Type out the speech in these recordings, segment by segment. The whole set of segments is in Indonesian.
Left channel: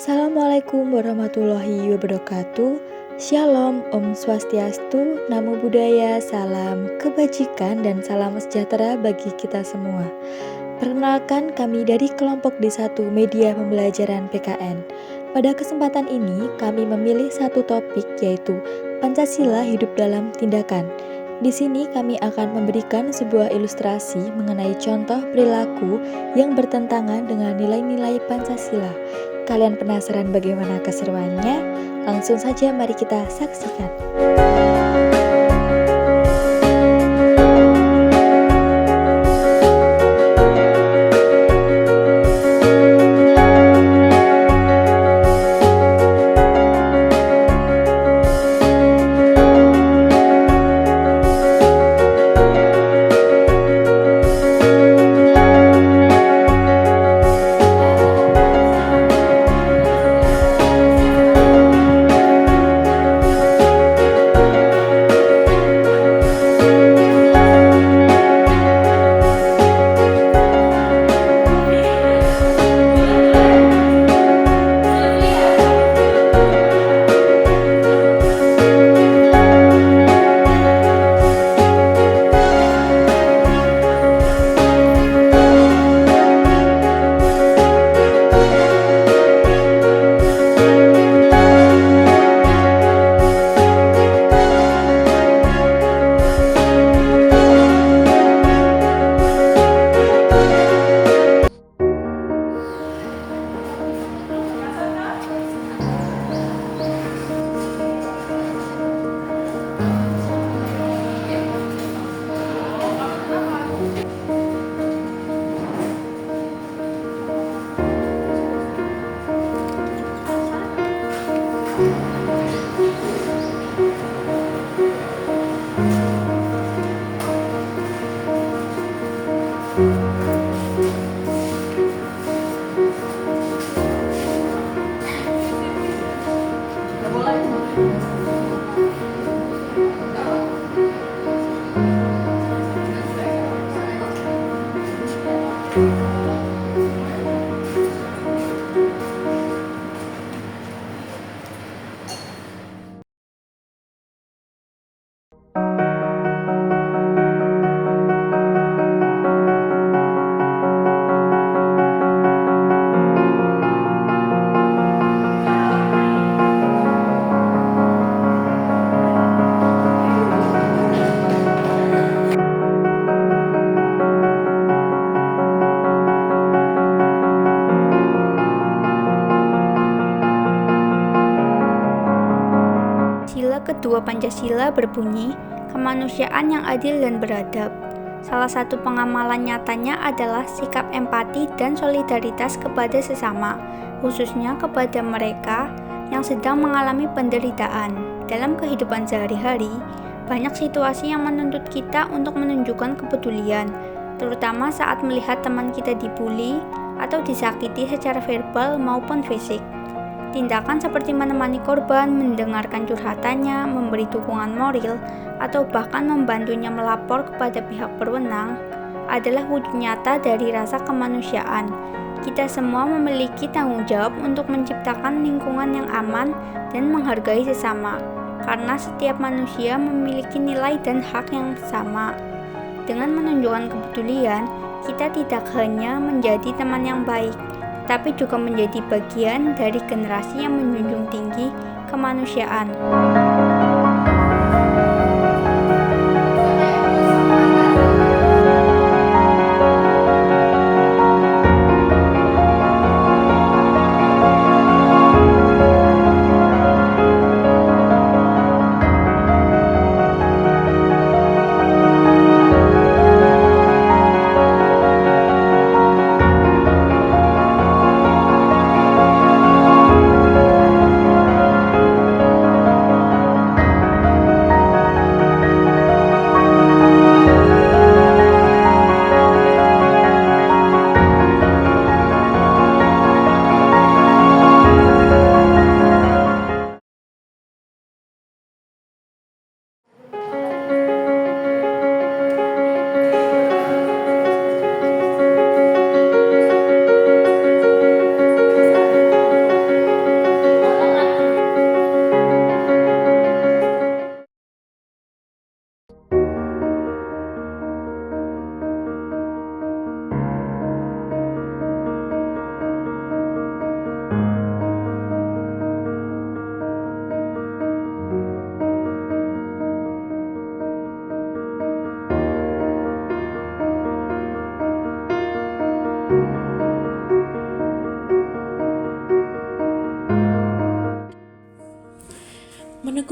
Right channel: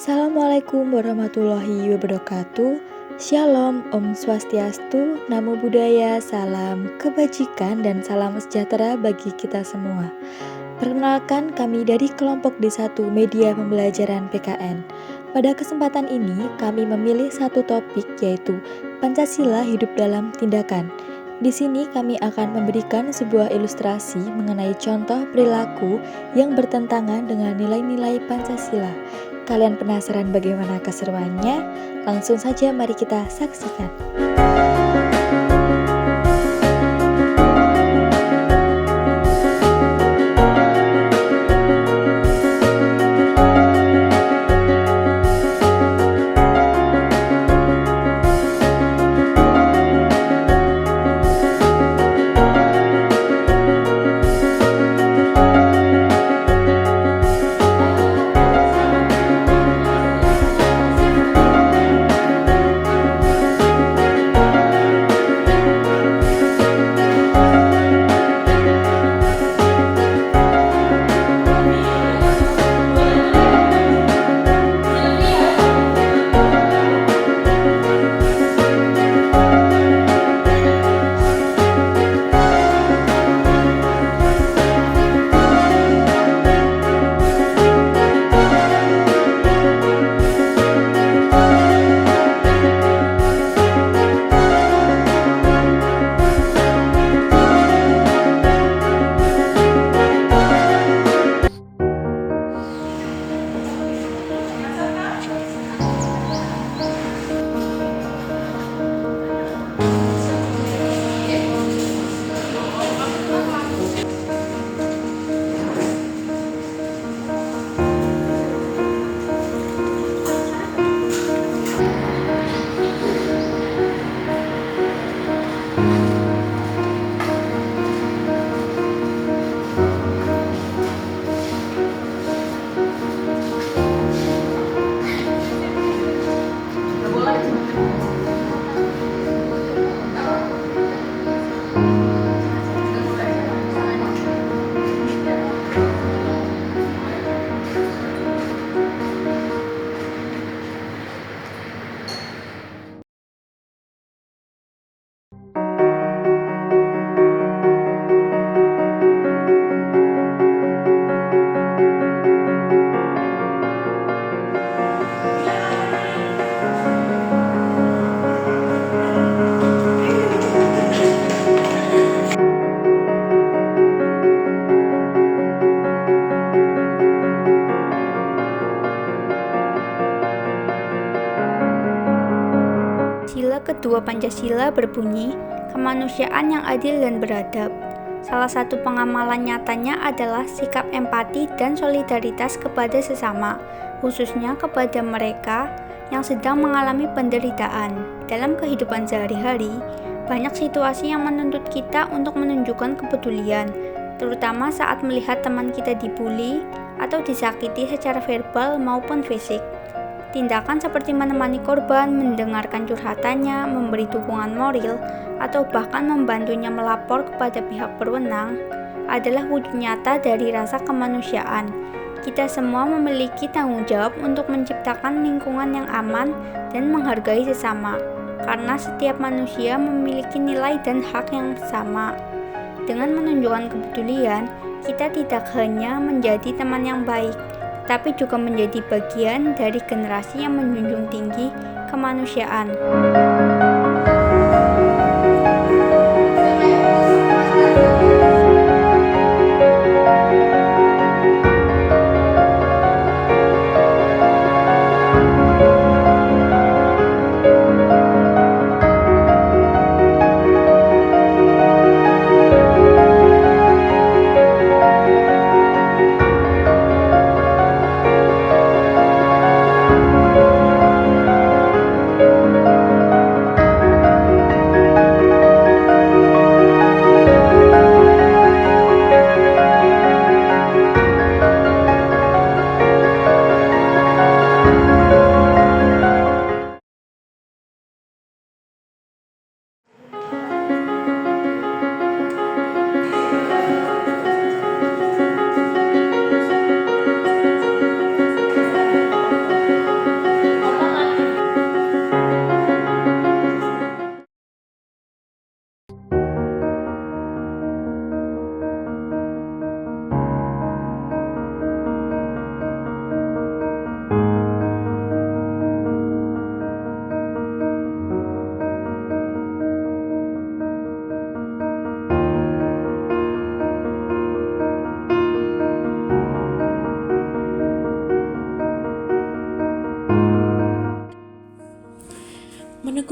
Assalamualaikum warahmatullahi wabarakatuh. Shalom, Om Swastiastu, Namo Buddhaya, salam kebajikan dan salam sejahtera bagi kita semua. Perkenalkan, kami dari kelompok D1 Media Pembelajaran PKN. Pada kesempatan ini, kami memilih satu topik, yaitu Pancasila Hidup dalam Tindakan. Di sini kami akan memberikan sebuah ilustrasi mengenai contoh perilaku yang bertentangan dengan nilai-nilai Pancasila. Kalian penasaran bagaimana keseruannya? Langsung saja mari kita saksikan. Sila kedua Pancasila berbunyi, kemanusiaan yang adil dan beradab. Salah satu pengamalan nyatanya adalah sikap empati dan solidaritas kepada sesama, khususnya kepada mereka yang sedang mengalami penderitaan. Dalam kehidupan sehari-hari, banyak situasi yang menuntut kita untuk menunjukkan kepedulian, terutama saat melihat teman kita dibuli atau disakiti secara verbal maupun fisik. Tindakan seperti menemani korban, mendengarkan curhatannya, memberi dukungan moral, atau bahkan membantunya melapor kepada pihak berwenang adalah wujud nyata dari rasa kemanusiaan. Kita semua memiliki tanggung jawab untuk menciptakan lingkungan yang aman dan menghargai sesama, karena setiap manusia memiliki nilai dan hak yang sama. Dengan menunjukkan kepedulian, kita tidak hanya menjadi teman yang baik, tapi juga menjadi bagian dari generasi yang menjunjung tinggi kemanusiaan.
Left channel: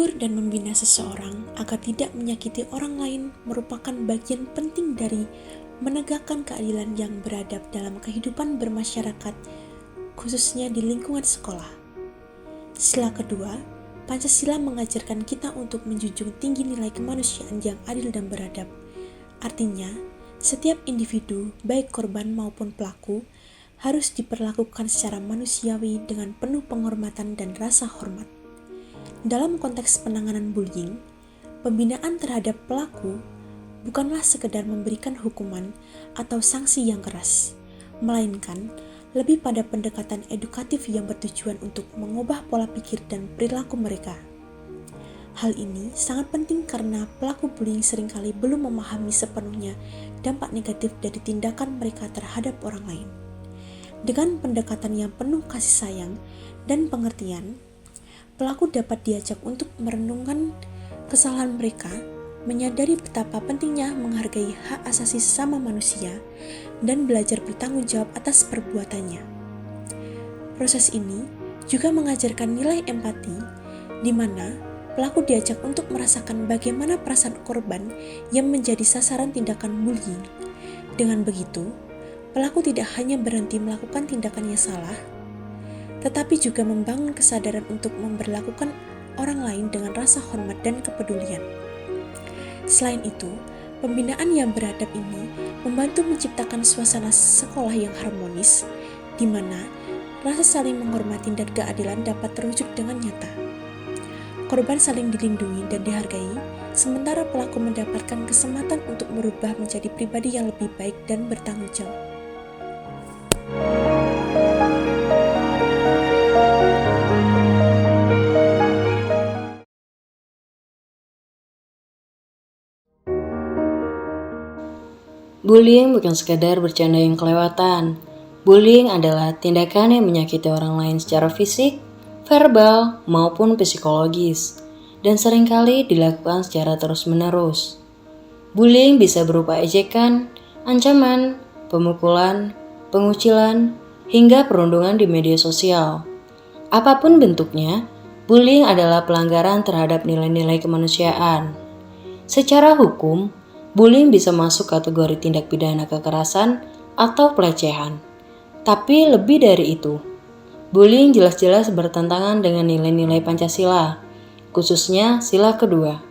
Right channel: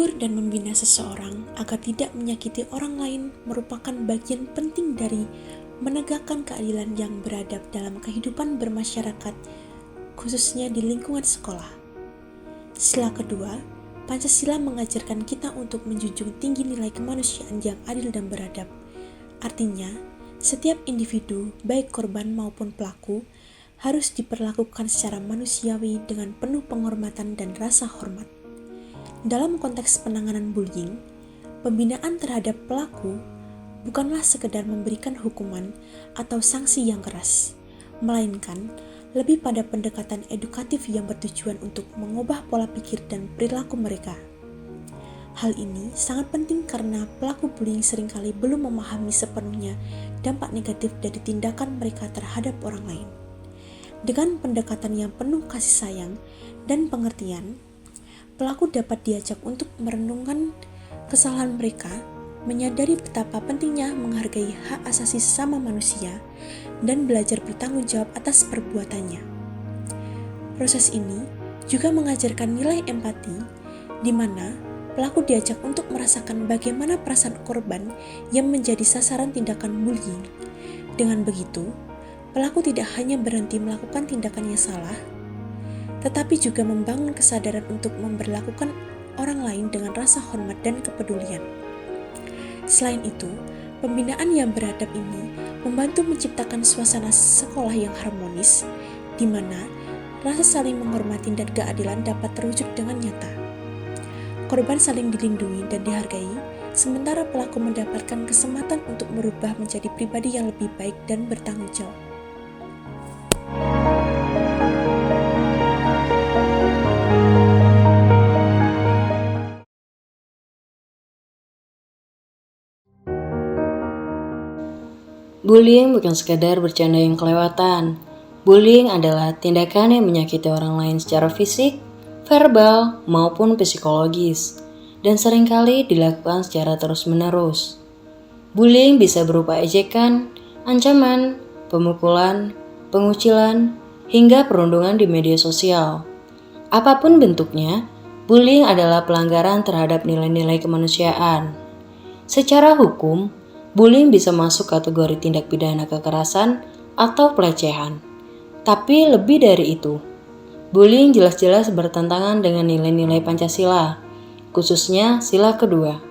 menegur dan membina seseorang agar tidak menyakiti orang lain merupakan bagian penting dari menegakkan keadilan yang beradab dalam kehidupan bermasyarakat, khususnya di lingkungan sekolah. Sila kedua, Pancasila mengajarkan kita untuk menjunjung tinggi nilai kemanusiaan yang adil dan beradab. Artinya, setiap individu, baik korban maupun pelaku, harus diperlakukan secara manusiawi dengan penuh penghormatan dan rasa hormat. Dalam konteks penanganan bullying, pembinaan terhadap pelaku bukanlah sekedar memberikan hukuman atau sanksi yang keras, melainkan lebih pada pendekatan edukatif yang bertujuan untuk mengubah pola pikir dan perilaku mereka. Hal ini sangat penting karena pelaku bullying seringkali belum memahami sepenuhnya dampak negatif dari tindakan mereka terhadap orang lain. Dengan pendekatan yang penuh kasih sayang dan pengertian, pelaku dapat diajak untuk merenungkan kesalahan mereka, menyadari betapa pentingnya menghargai hak asasi sesama manusia, dan belajar bertanggung jawab atas perbuatannya. Proses ini juga mengajarkan nilai empati, di mana pelaku diajak untuk merasakan bagaimana perasaan korban yang menjadi sasaran tindakan bullying. Dengan begitu, pelaku tidak hanya berhenti melakukan tindakan yang salah, tetapi juga membangun kesadaran untuk memperlakukan orang lain dengan rasa hormat dan kepedulian. Selain itu, pembinaan yang beradab ini membantu menciptakan suasana sekolah yang harmonis, di mana rasa saling menghormati dan keadilan dapat terwujud dengan nyata. Korban saling dilindungi dan dihargai, sementara pelaku mendapatkan kesempatan untuk merubah menjadi pribadi yang lebih baik dan bertanggung jawab. Bullying bukan sekadar bercanda yang kelewatan. Bullying adalah tindakan yang menyakiti orang lain secara fisik, verbal, maupun psikologis, dan seringkali dilakukan secara terus-menerus. Bullying bisa berupa ejekan, ancaman, pemukulan, pengucilan, hingga perundungan di media sosial. Apapun bentuknya, bullying adalah pelanggaran terhadap nilai-nilai kemanusiaan. Secara hukum, bullying bisa masuk kategori tindak pidana kekerasan atau pelecehan. Tapi lebih dari itu, bullying jelas-jelas bertentangan dengan nilai-nilai Pancasila, khususnya sila kedua,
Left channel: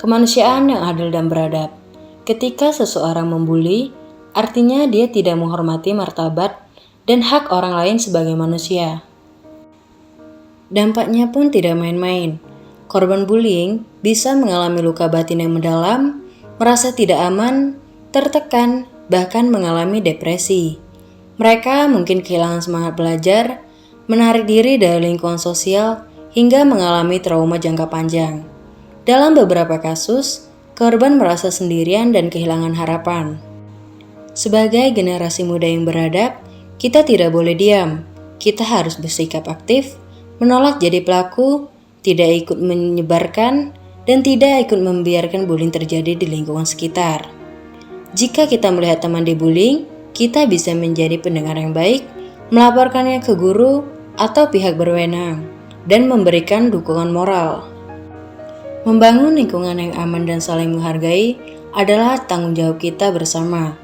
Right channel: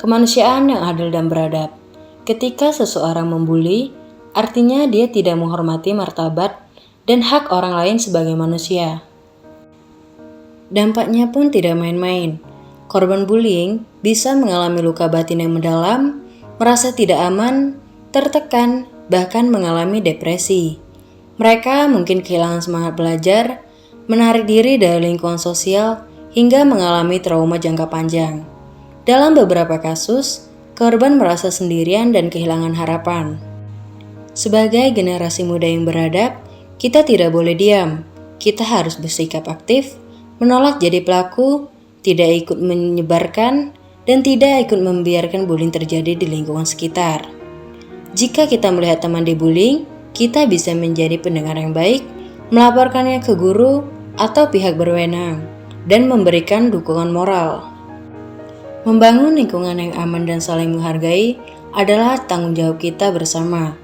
kemanusiaan yang adil dan beradab. Ketika seseorang membuli, artinya dia tidak menghormati martabat dan hak orang lain sebagai manusia. Dampaknya pun tidak main-main. Korban bullying bisa mengalami luka batin yang mendalam, merasa tidak aman, tertekan, bahkan mengalami depresi. Mereka mungkin kehilangan semangat belajar, menarik diri dari lingkungan sosial, hingga mengalami trauma jangka panjang. Dalam beberapa kasus, korban merasa sendirian dan kehilangan harapan. Sebagai generasi muda yang beradab, kita tidak boleh diam. Kita harus bersikap aktif, menolak jadi pelaku, tidak ikut menyebarkan, dan tidak ikut membiarkan bullying terjadi di lingkungan sekitar. Jika kita melihat teman dibullying, kita bisa menjadi pendengar yang baik, melaporkannya ke guru atau pihak berwenang, dan memberikan dukungan moral. Membangun lingkungan yang aman dan saling menghargai adalah tanggung jawab kita bersama.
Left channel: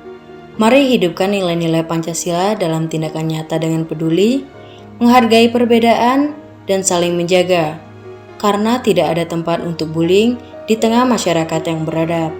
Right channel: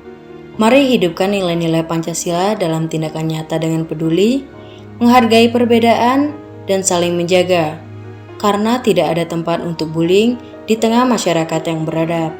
Mari hidupkan nilai-nilai Pancasila dalam tindakan nyata dengan peduli, menghargai perbedaan, dan saling menjaga. Karena tidak ada tempat untuk bullying di tengah masyarakat yang beradab.